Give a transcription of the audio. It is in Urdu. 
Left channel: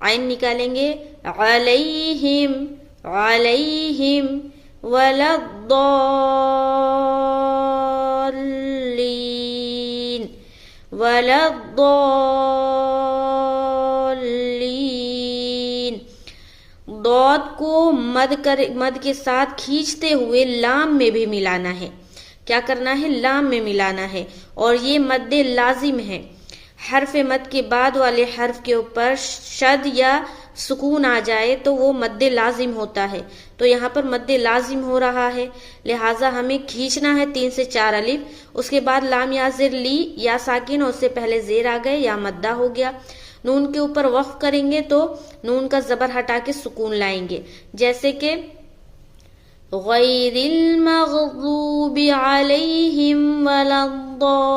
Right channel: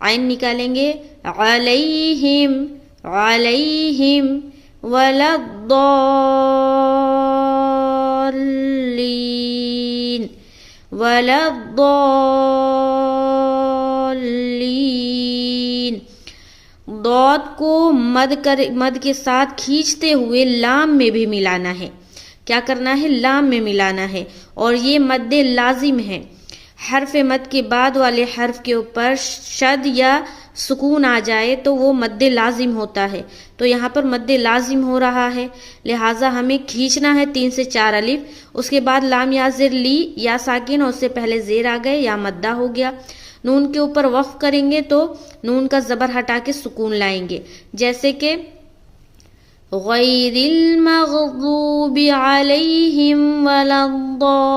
عین نکالیں گے علیہم علیہم ولا الضالین ولا الضالین. ضاد کو مد کے ساتھ کھینچتے ہوئے لام میں بھی ملانا ہے. کیا کرنا ہے؟ لام میں ملانا ہے. اور یہ مد لازم ہے. حرف مد کے بعد والے حرف کے اوپر شد یا سکون آ جائے تو وہ مد لازم ہوتا ہے. تو یہاں پر مد لازم ہو رہا ہے، لہٰذا ہمیں کھینچنا ہے 3 سے 4 الف. اس کے بعد لام یا زر لی یا ساکن، اور اس سے پہلے زیر آ گئے یا مدہ ہو گیا. نون کے اوپر وقف کریں گے تو نون کا زبر ہٹا کے سکون لائیں گے، جیسے کہ غیر المغضوب علیہم ولا الضالین.